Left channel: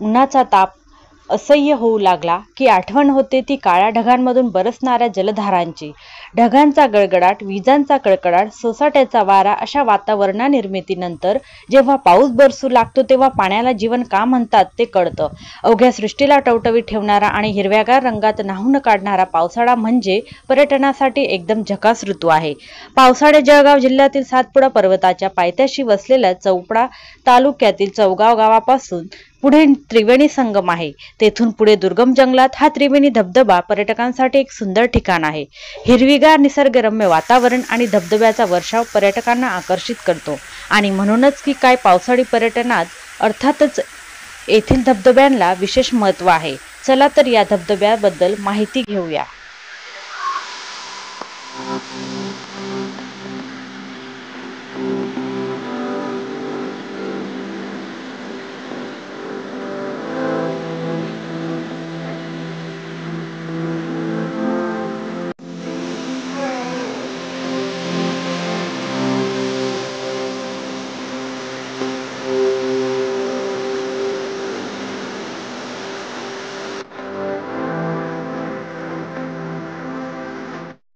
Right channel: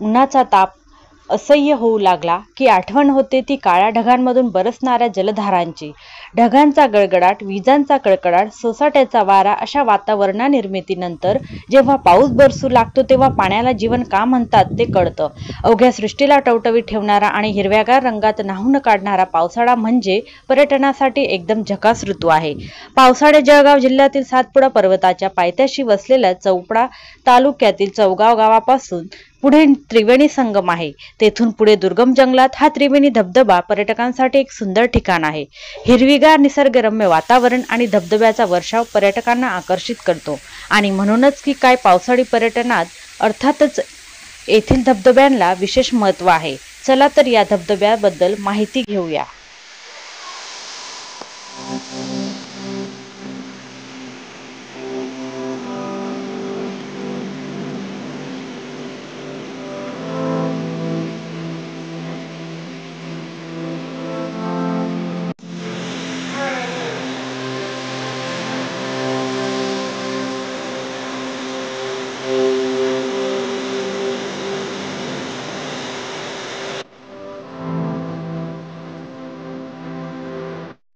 उन्हाचा ताप असह्य होऊ लागला की आठवण होते ती काळ्या ढगांमधून बरसणाऱ्या जलधारांची. ढगांचा गडगडाट, विजांचा कडकडाट, सोसाट्याचा वारा अशा वातावरणानिर्मितीनंतर जेव्हा पाऊस बरसू लागतो तेव्हा पाण्याला जीवन का म्हणतात ते कळतं. अवघ्या सृष्टीला टवटवीत ठेवणारा आणि हिरव्यागार रंगात न्हाऊन काढणारा पावसाळा म्हणजे पर्यटनासाठी एकदम झकास ऋतू आहे. पावसाळे जळगाव जिल्ह्यातील सातपुडा पर्वताच्या पायथ्याशी वसलेल्या चौपडा तालुक्यातील चौगाव गावापासून पुढे त्रिवेणी संगम आहे. तेथून पुढे दुर्गम जंगलात हा त्रिवेणी धबधबा पर्यटकांसाठी एक सुंदर ठिकाण आहे. हिरवीगार निसर्गरम्य वातावरण आणि धबधब्याचा वर्षाव पर्यटकांना आकर्षित करतो आणि म्हणूनच की काय पावसाळी पर्यटनात अर्थातच येथील धबधब्यांना विशेष महत्त्व आहे. चला तर या धबधब्याबद्दल माहिती घेऊया.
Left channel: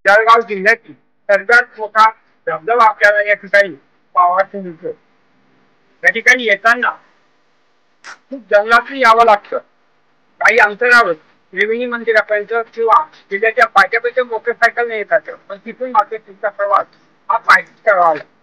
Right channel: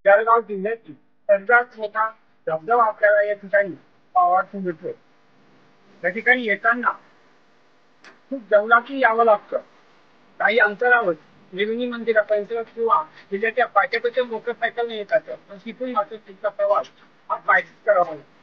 जळगाव जिल्ह्यातील सर्वात मोठा धबधबा आपल्याला या ठिकाणी पाहायला मिळतो. या ठिकाणी येताना खूप जंगलातून यावं लागतं. काही अंतरावर त्रिवेणी मंदिरापर्यंत किंवा जिल्ह्याच्या पायथ्यापर्यंत मोटरसायकलने येतात, पण तिथून मात्र तिचा प्रवास हा पायीच करावा लागतो.